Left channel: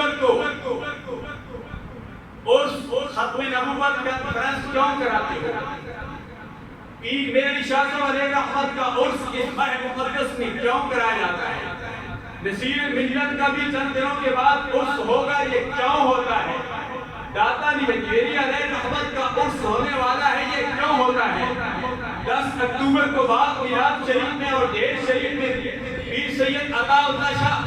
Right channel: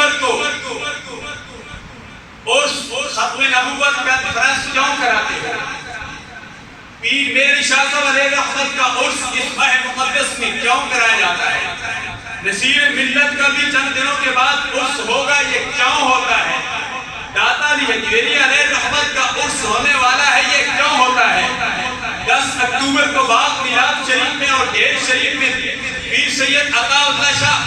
اکتوبر کو عرس ختم نبوت کانفرنس کیوں کراتے ہو؟ پیر میری شاہ صاحب علیہ رحمت کا عرس اس ماہ مقدس میں کیوں کرایا جاتا ہے؟ نصیر ملت کا بھی چند دنوں کے بعد عرس ہوگا، یہ کیوں ہوتا ہے؟ داتا علی حجویری علیہ رحمت کا عرس ہونے والا ہے، یہ کیوں ہوتا ہے؟ 10 اکتوبر کو باغ میلاد شریف میں اور ڈھیر شریف میں پیر سید عطا اللہ شاہ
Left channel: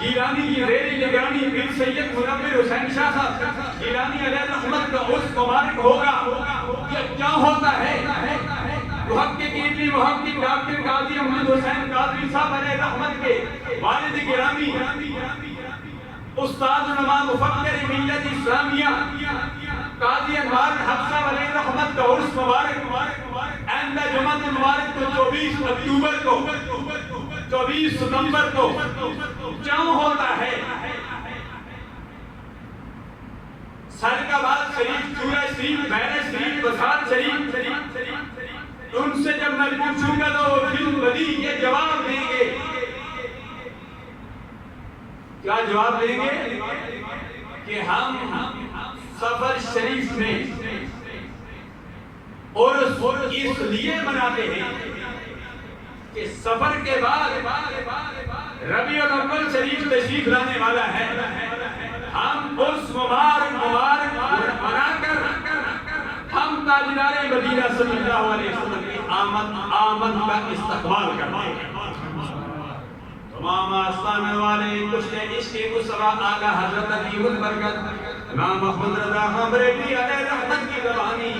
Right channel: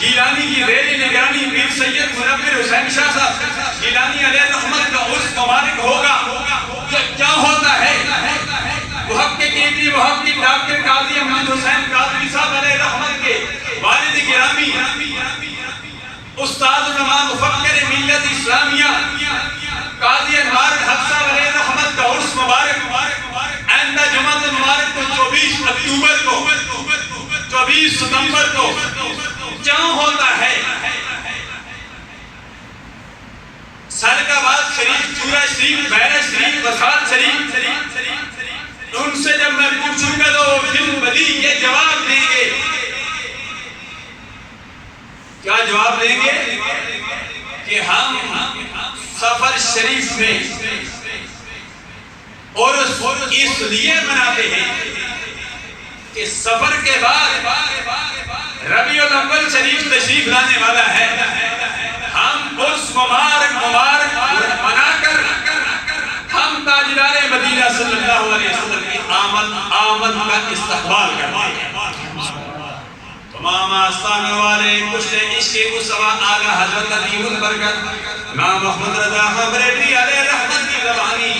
جیلانی کی ریلی نگرانی پیر سید منور حسین شاہ صاحب جیلانی علیہ رحمت کا عرس مبارک ہوگا، یہ کیا ہوتا ہے؟ محققین محقق ڈاکٹر قاضی احمد حسین قاضی صاحب علیہ رحمت کے والد گرامی استاد علماء مفکر ملت اسلامیہ قاضی انوار الحق صاحب علیہ رحمت کا عرس مبارک آئندہ جمعۃ المبارک کو 24 اکتوبر کو 24 ستمبر کو کیوں ہوتا ہے؟ سالکاباد شریف، چورا شریف، بیرہ شریف، وسال شریف، ان سے جب میں پوچھوں گا تو وہ بالبدی یہ جواب دیں گے. کیا جواب دیں گے؟ کہ ہم سفر شریف میں اور اس لیے مناتے ہیں کہ سفر کے بعد ربیع الاول شریف تشریف لانے والا ہے. ہم اس مبارک منا کر ہم تاجدار مدینہ صلی اللہ علیہ وسلم کی آمد کا استقبال کرتے ہیں. تمام آستان والے کشتے عشق مصطفیٰ اعلیٰ حضرت عظیم البرکت امام محمد رضا خان بریلوی علیہ رحمت کی زبانی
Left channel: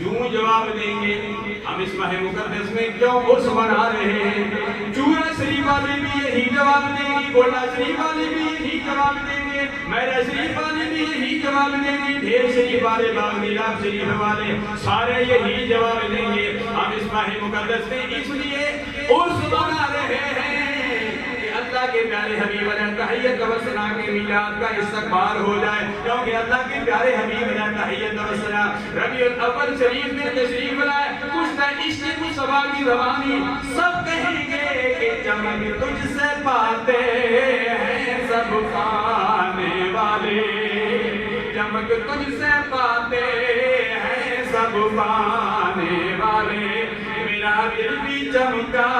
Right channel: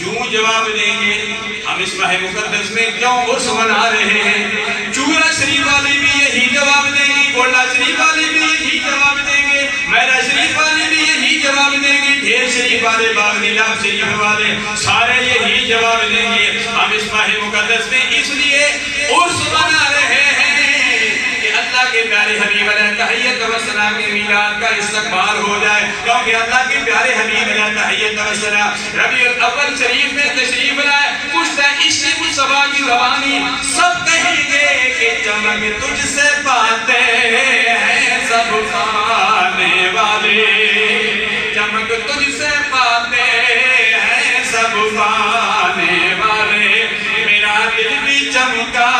یوں جواب دیں گے ہم اس ماہ مقدس میں کیوں عرس منا رہے ہیں. چورا شریف والی بھی یہی جواب دیں گی، گولڈا شریف والی بھی یہی جواب دیں گے، میرا شریف والی بھی یہی جواب دیں گے، ڈھیر شریف والے، باغ نیلام شریف والے سارے یہی جواب دیں گے ہم اس ماہ مقدس میں اس لیے عرس منا رہے ہیں کہ اللہ کے پیارے حبیب علیہ تحیت و ثنا کے میلاد کا استقبال ہو جائے. کیونکہ اللہ کے پیارے حبیب علیہ تحیت و ثنا ربیع الاول شریف میں تشریف لائے. کچھ عشق مصطفیٰ کی زبانی سب کہیں گے کہ چمک تجھ سے پاتے ہیں سب پانے والے، چمک تجھ سے پاتے ہیں سب پانے والے، میرا دل بھی چمکا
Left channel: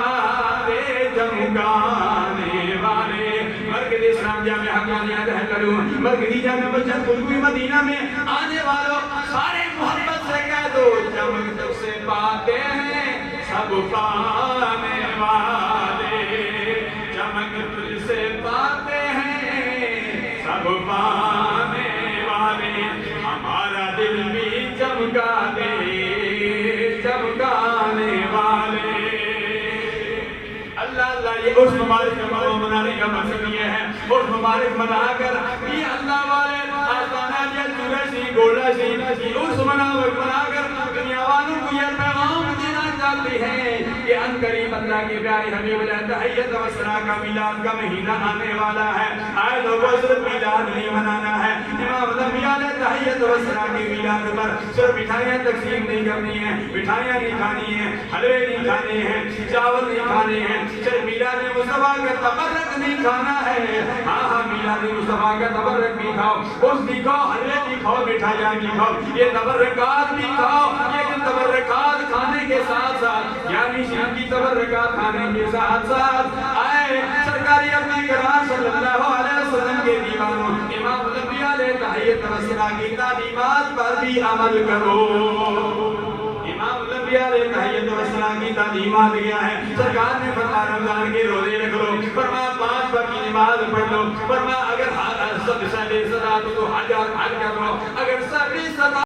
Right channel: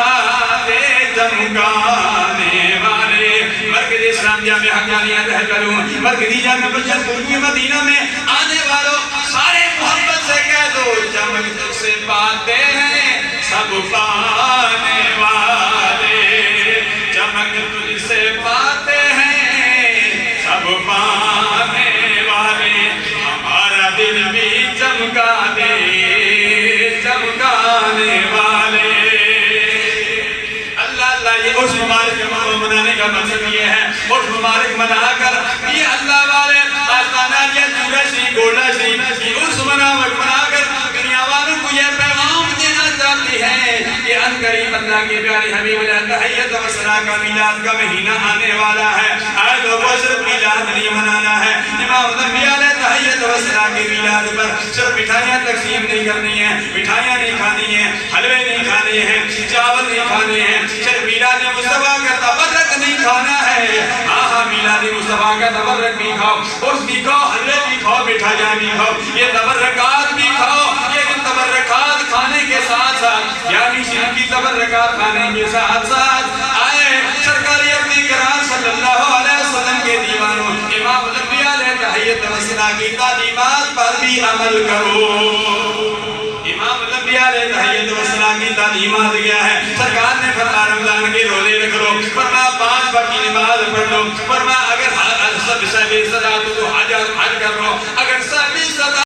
دے چمکانے والے. مرکز اسلام جامعہ حقانیہ دہلون مرکزی جامعہ بشر قربی مدینہ میں آنے والوں سارے محبت سے کہہ دو چمک تجھ سے پاتے ہیں سب پانے والے، چمک تجھ سے پاتے ہیں سب پانے والے، ہمارا دل بھی چمکا دے چمکانے والے. اللہ یہ عرس مبارک منانے کا مقصد یہ ہے. عرس مبارک منا کر یہ اللہ والے آستانہ یا چورا شریف گولڈا شریف یہ عرس منا کر دنیا والوں کو یہ پیغام دینا چاہتے ہیں کہ عنقریب اللہ کے پیارے حبیب علیہ تحیت و ثنا کا میلاد کا مہینہ آنے والا ہے. آئے تو صرف میلاد نہیں منانا ہے، امام الانبیاء علیہ تحیت و ثنا کے میلاد پر صرف مٹھائیاں تقسیم نہیں کرنی ہیں، مٹھائیاں نہیں کھانی ہیں، حلوے نہیں کھانے ہیں، چاول نہیں کھانے ہیں، صرف میلاد مصطفیٰ کا تبرک نہیں کھانا ہے. ہاں میلاد مصطفیٰ کا تبرک بھی کھاؤ، عرس بھی کھاؤ، حلوے بھی کھاؤ، مٹھائیاں بھی کھاؤ، یہ تبرکات بھی کھاؤ. لیکن تبرکات کھانے کے ساتھ ساتھ یعنی شریف کی تبرکات کھانے کے ساتھ ساتھ آئے سرکار اپنے کرام صلی اللہ علیہ وسلم کے دیوانوں امام الانبیاء علیہ تحیت و ثنا کی تعلیمات پر بھی عمل کرو. امام الانبیاء علیہ تحیت و ثنا کی تعلیمات کیا ہے؟ سرکار نے فرمایا رمضان کے روزے رکھ لو، فرمایا 5 وقت کی نماز پڑھ لو، فرمایا اگر سب سے بے صدا تو حج کر لو، اگر سب